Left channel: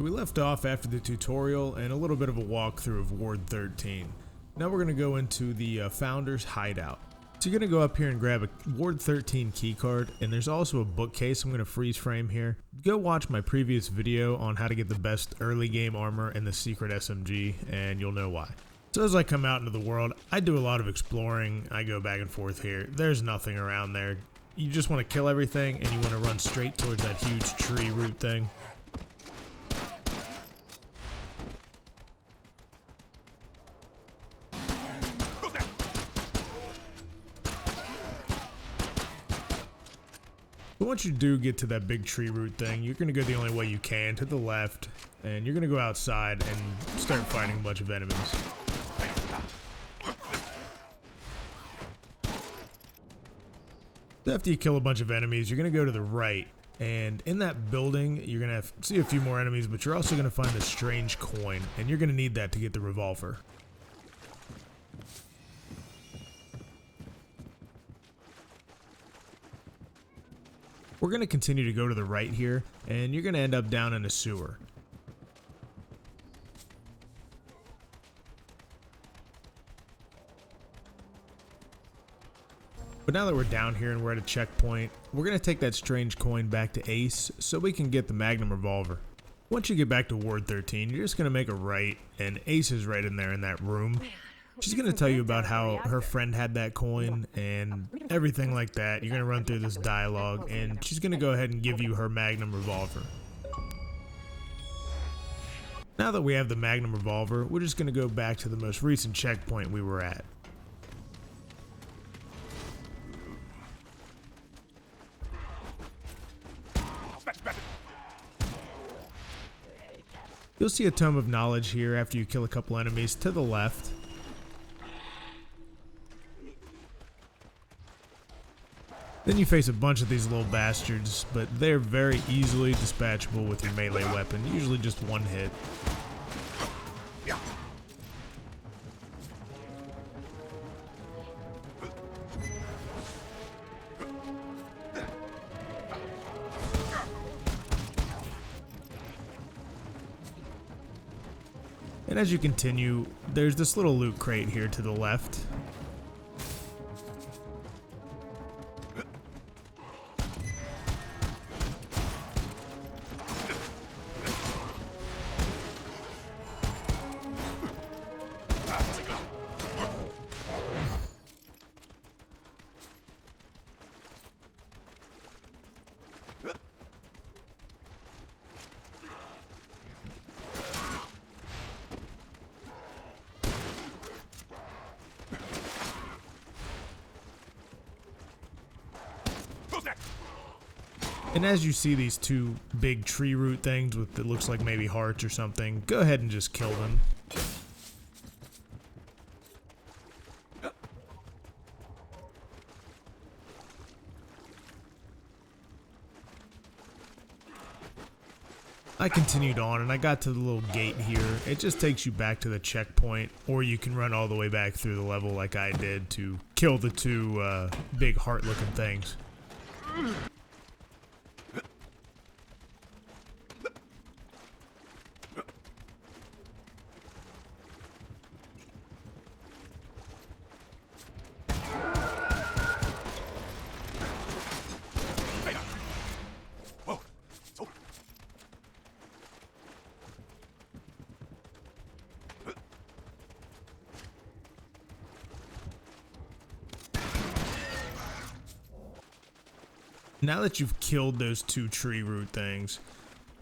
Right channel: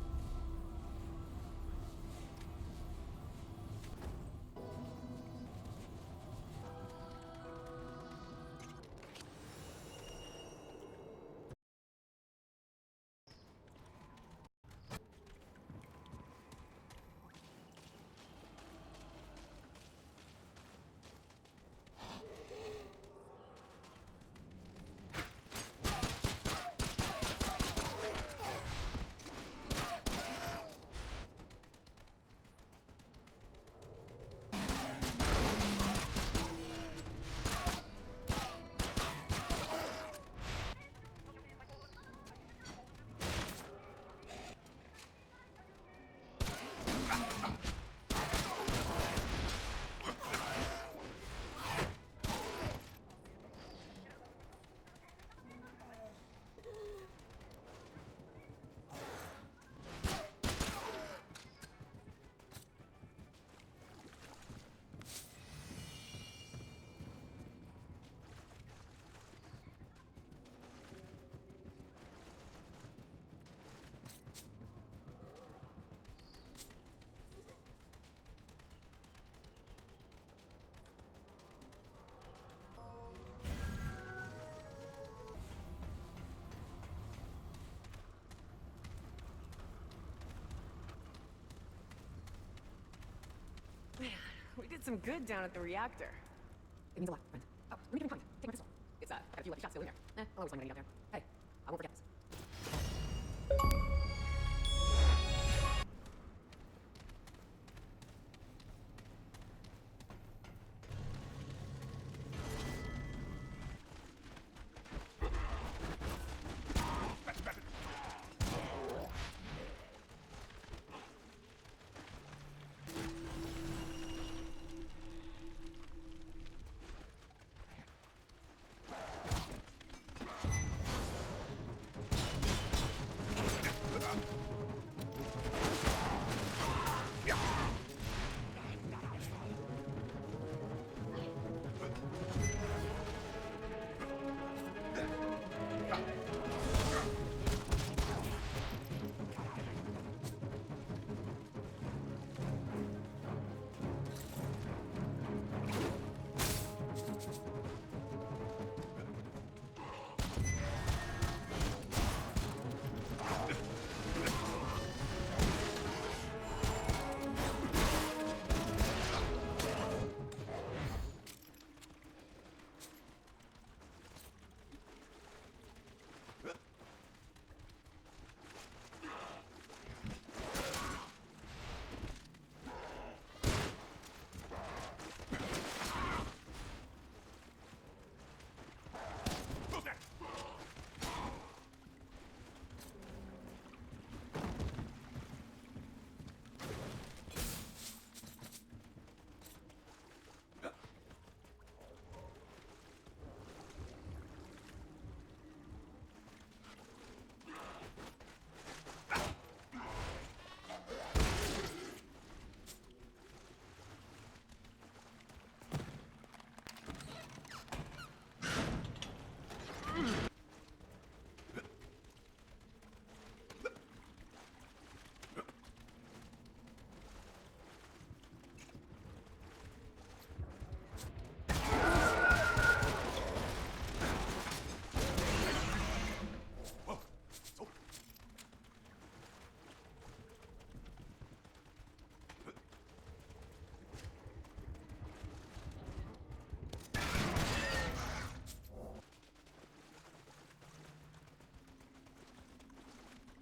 So we left off after the tutorial and a little bit of a walkthrough of Ward 13. Now we're going to go into the Founder's Hideout. So you're going to go up here and grab a Ward 13 keycard, and there's also a bookcase. I'm going to freeze frame here. Go watch my previous video on how to get the best early game armor and the secret SMG, and you'll know why. So as I come out into the world, I do a lot of exploring. I go back and forth here. There's nothing around there. You just want to kill everything, and you want to run straight towards that huge tree root thing. But once you do get to that big tree root thing, you're going to go the only way you can, to the left, and you're going to go outside and start fighting a bunch of enemies. So after you kill a bunch of enemies, you're going to go to the right, and in that building, you're going to see a few more enemies, but you're also going to find a strange coin, and you're going to need that to get the revolver. We're going to continue to go to the right here, and you're going to end up down in a sewer. But now that we're down here and we're at a checkpoint, we're going to take that strange coin back to Ace so we can get the Magnum Revolver. Once you get back to Ward 13, you're just going to make a right, and Ace is right in there in that room. She's going to tell you about how her friend had that coin and everything like that. You're going to run through this dialogue, and she's going to go ahead and give you her Magnum Revolver. Now that we have the Magnum Revolver, we're just going to go back to the most recent checkpoint we were at. You'll see a Tome of Knowledge here after you kill a couple enemies to the left. Then you face a bunch of these little bastards, but they're very easily dispatchable with your melee weapon, usually just one hit. And as you continue, there's this little loot crate here to the left. And as you see these two big tree root things with it looks like maybe hearts or something, go ahead and just kill them. I continued on and I got to the little gate here. It just takes you back to the checkpoint, or you can run all the way back through the level like I did to kill the two big heart looking things. Now that you've killed those two tree root things,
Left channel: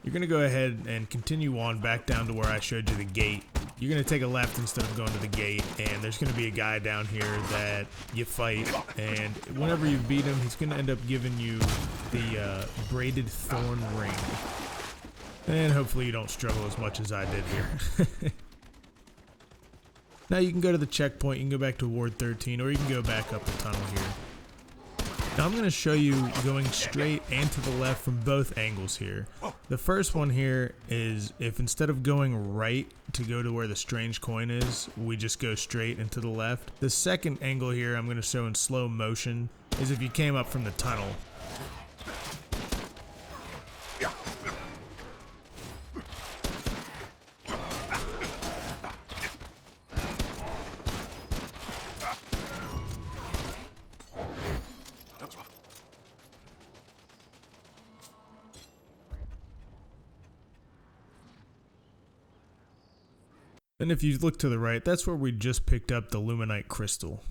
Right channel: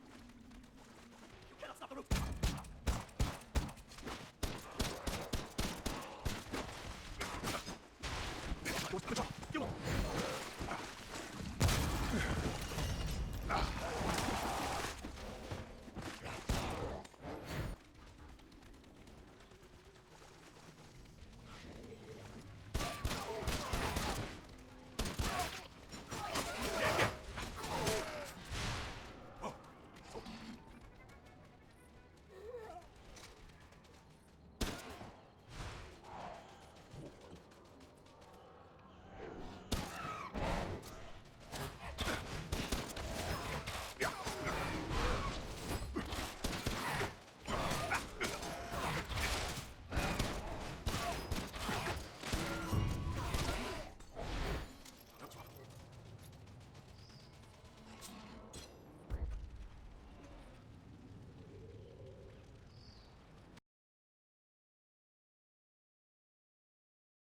you're going to go ahead and continue on back down to where I showed you the gate. You're going to take a left instead of going to the gate, and there's going to be a guy down here that you fight, and whenever you beat him, he's going to end up giving you the braided thorn ring. And hopefully you don't struggle as much as I did here. Now you can go to the checkpoint, you can go back to Ward 13, or you can go back up the tunnel here. Now I'm going to show you going straight and to the left from both angles here. The first one here is if instead of going right to go to where the strange coin is, we just go straight and to the left. The second angle here I'm going to show in slow motion is if you came up from the tunnel. And if you look to the right, that's where we just picked up the Luminite crystal.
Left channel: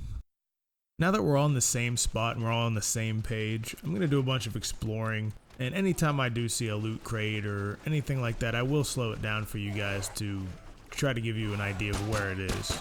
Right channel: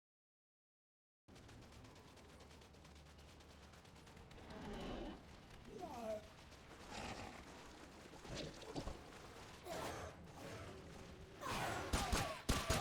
Now that we're all in the same spot and we're all on the same page, I'm going to do a bunch of exploring. And anytime I do see a loot crate or anything like that, I will slow it down for you guys to try to give you an idea of where it is.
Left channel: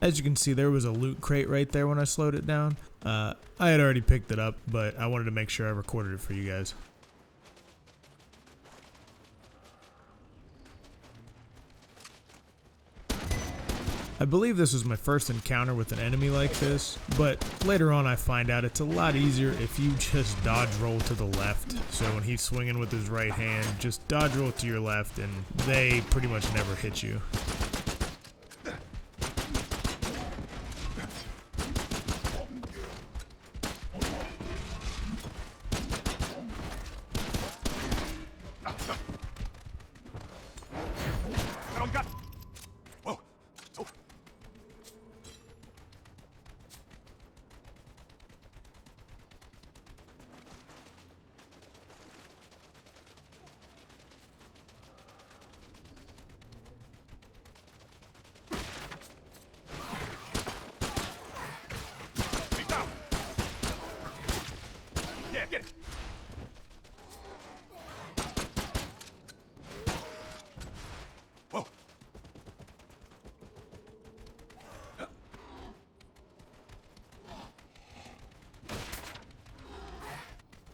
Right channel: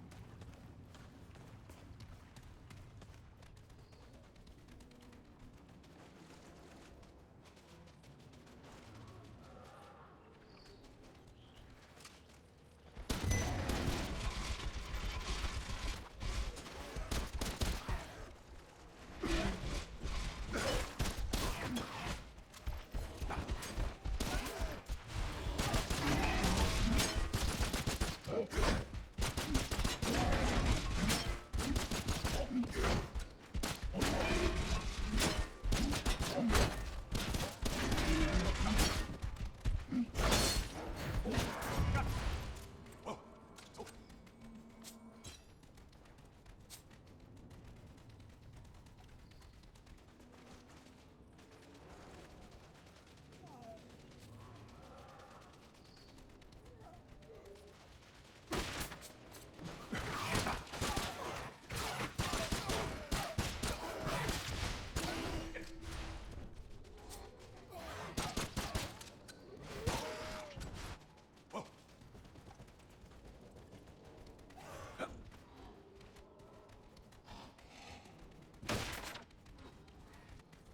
As you can see, there was a loot crate right there when I slowed it down. I had already picked it up, but I wanted to make sure I recorded it for you guys. I believe this was my first encounter with an enemy like this, but later on I find out it's a lot easier if you just dodge roll to the left. So when he's swinging with his right hand, just dodge roll to your left and they pretty much never hit you.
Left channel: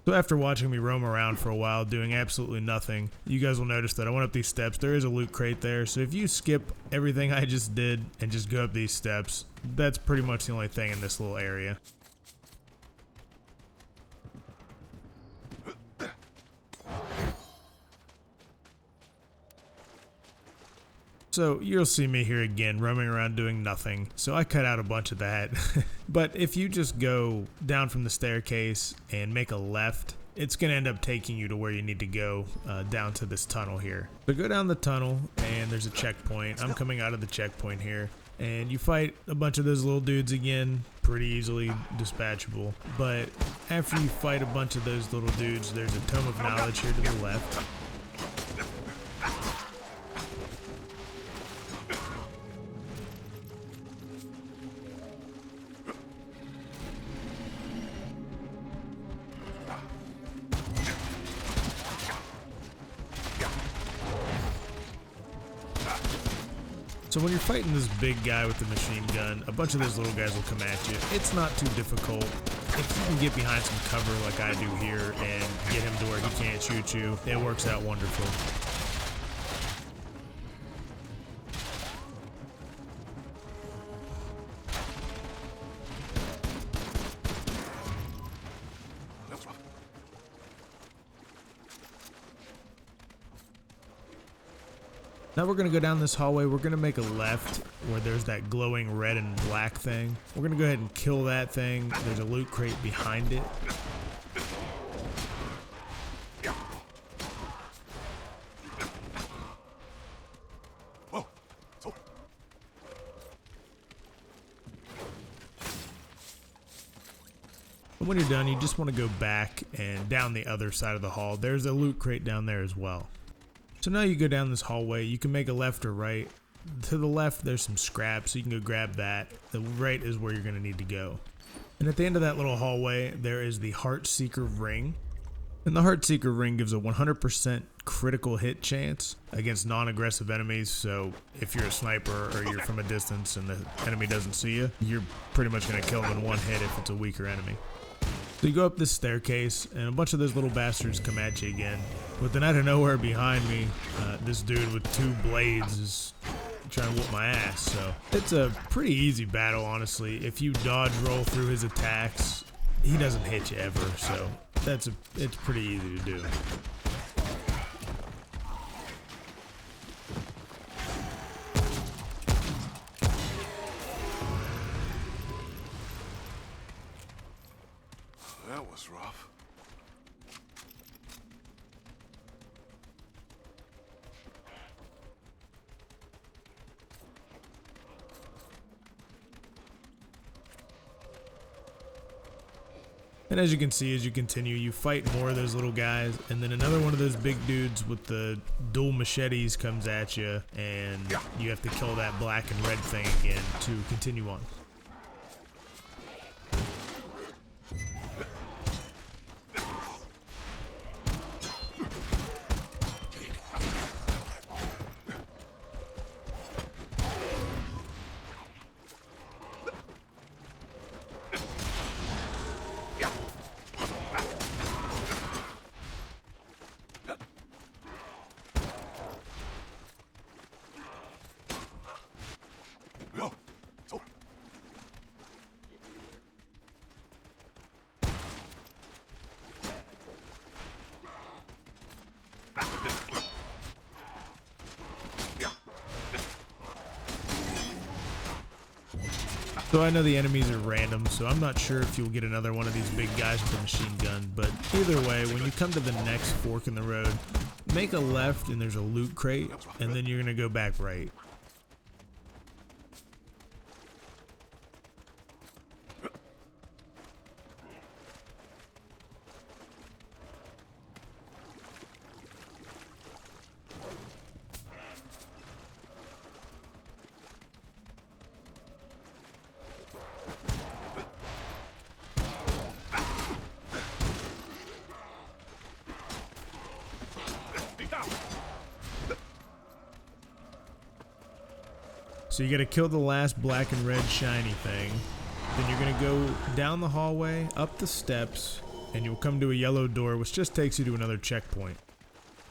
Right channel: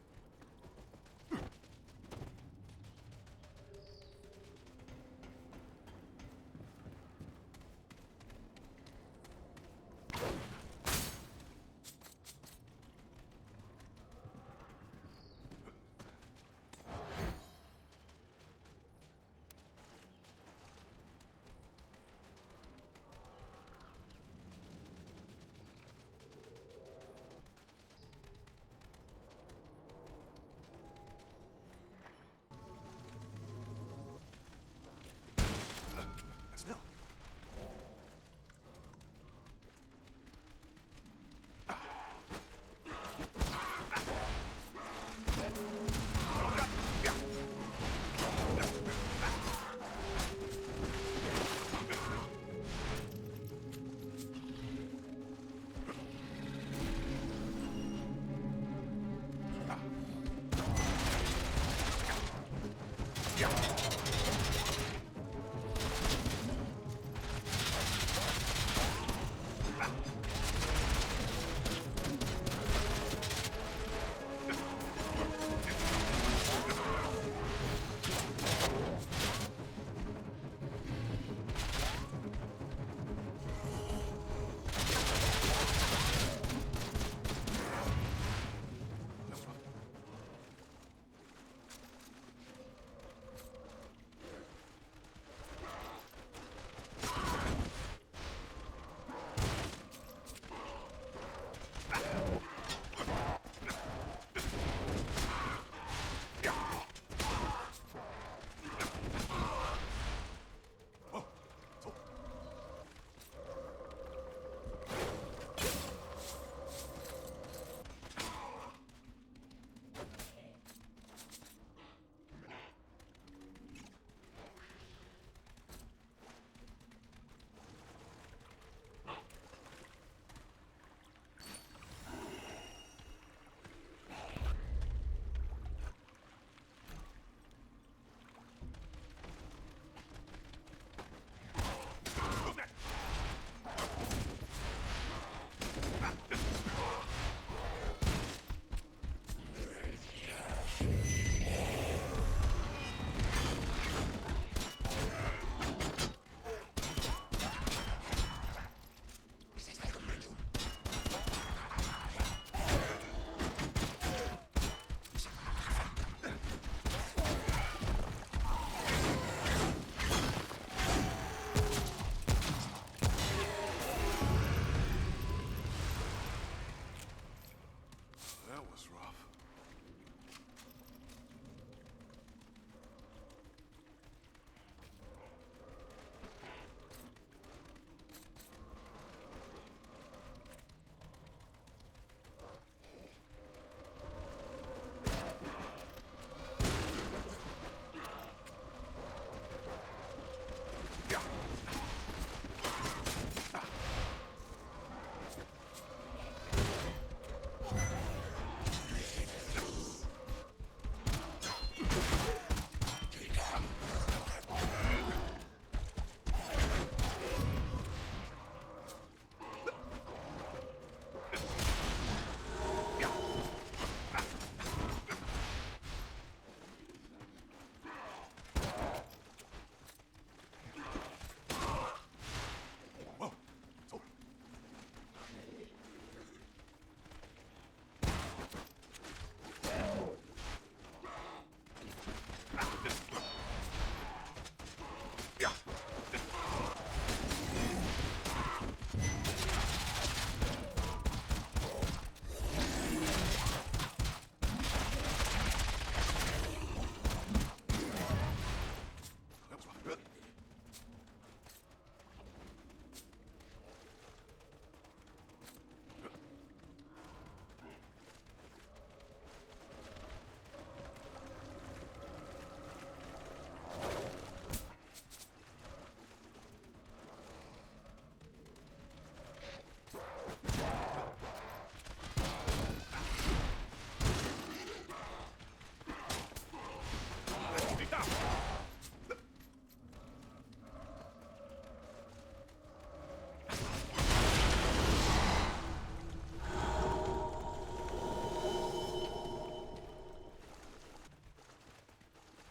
So after watching me roam around for a while doing absolutely nothing, you guys will notice that I went up these steps. There is a loot crate there, so if you skip everything I just did and just go up these steps, that's pretty much the only thing in this little area. So you'll see me here again roaming around doing nothing, so I cut out a bunch of that. But if you just go down from the staircase and make a left, it's going to end up taking you to where you need to go, down to this tunnel here. So go down the tunnel and there's a checkpoint. I'm coming out of the checkpoint here, and you fight a bunch of those little dudes again, pretty easily dispatchable. But after you fight a bunch of those little dudes, there's a Tome of Knowledge here to the left. So when you're fighting this big guy with the machine gun, a bunch of those little guys will come at you. It's not too difficult. If you can get behind some cover like I do here and get him to where he can't shoot you, it works out wonderful. Now we're going to go down this hallway. We're going to make a left where there's that glowing red and black thing. We're going to go ahead and kill that thing. There's a loot crate behind it. And when you're done, you just want to go back and down the other side of the hall. There's a loot crate down there as well. So now you go down this hallway, you can make a left or right. To the left there's some scrap, so you can go grab that. The right is where you're going to need to go. And at the end of that little hallway there is the Heartseeker Ring. And the Heartseeker Ring gives a 100% critical hit chance against non-aggressive enemies. So if you're a sniper or you're from a distance and the enemy doesn't see you, you're pretty much going to kill them in one hit if it's a weaker enemy. So you go up this staircase, and a bunch of those little bastards come at you again. But then out of nowhere behind me, this dude with two blades is trying to whoop my ass. So it's a pretty easy battle, honestly. If you dodge roll through his attacks, he doesn't hit you ever. So it's pretty easy to do. was rough. And as you can see, as you continue, you fight more of those little guys, and then another one of those big dudes with the dual machetes comes at you, and you have to kill that black and red thing again to continue on. So I know the enemies are random, so I'm not sure if you'll get another one of these big guys with a machine gun, but either way, when you come to the next fork in the road, make a left and there's a loot crate, and then you're going to go back right. So you gotta kill the last black and red shiny thing. Then you're gonna go down the hallway, up the steps, and you'll come to a yellow door, which just takes you to another checkpoint.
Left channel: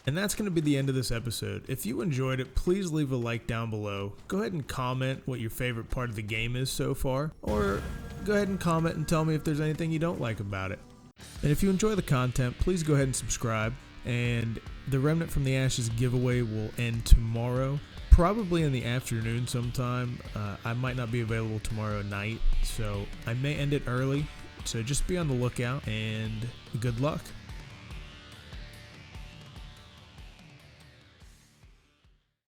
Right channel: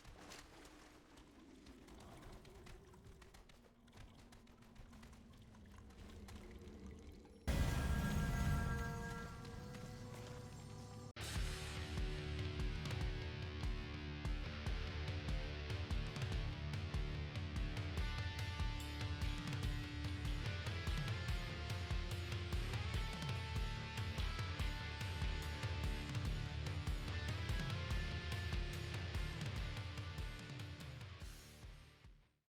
And that's gonna be the end of this episode. If you enjoyed it, please leave a like down below. Go ahead and comment what your favorite part of the game is so far, or go ahead and comment and tell me if there's anything you don't like about it. And if you enjoy the content, please go ahead and subscribe. And the Remnant from the Ashes giveaway will end tomorrow. Probably in the afternoon sometime. I might not be available tomorrow night, so I may end it early. So just be on the lookout, and good luck.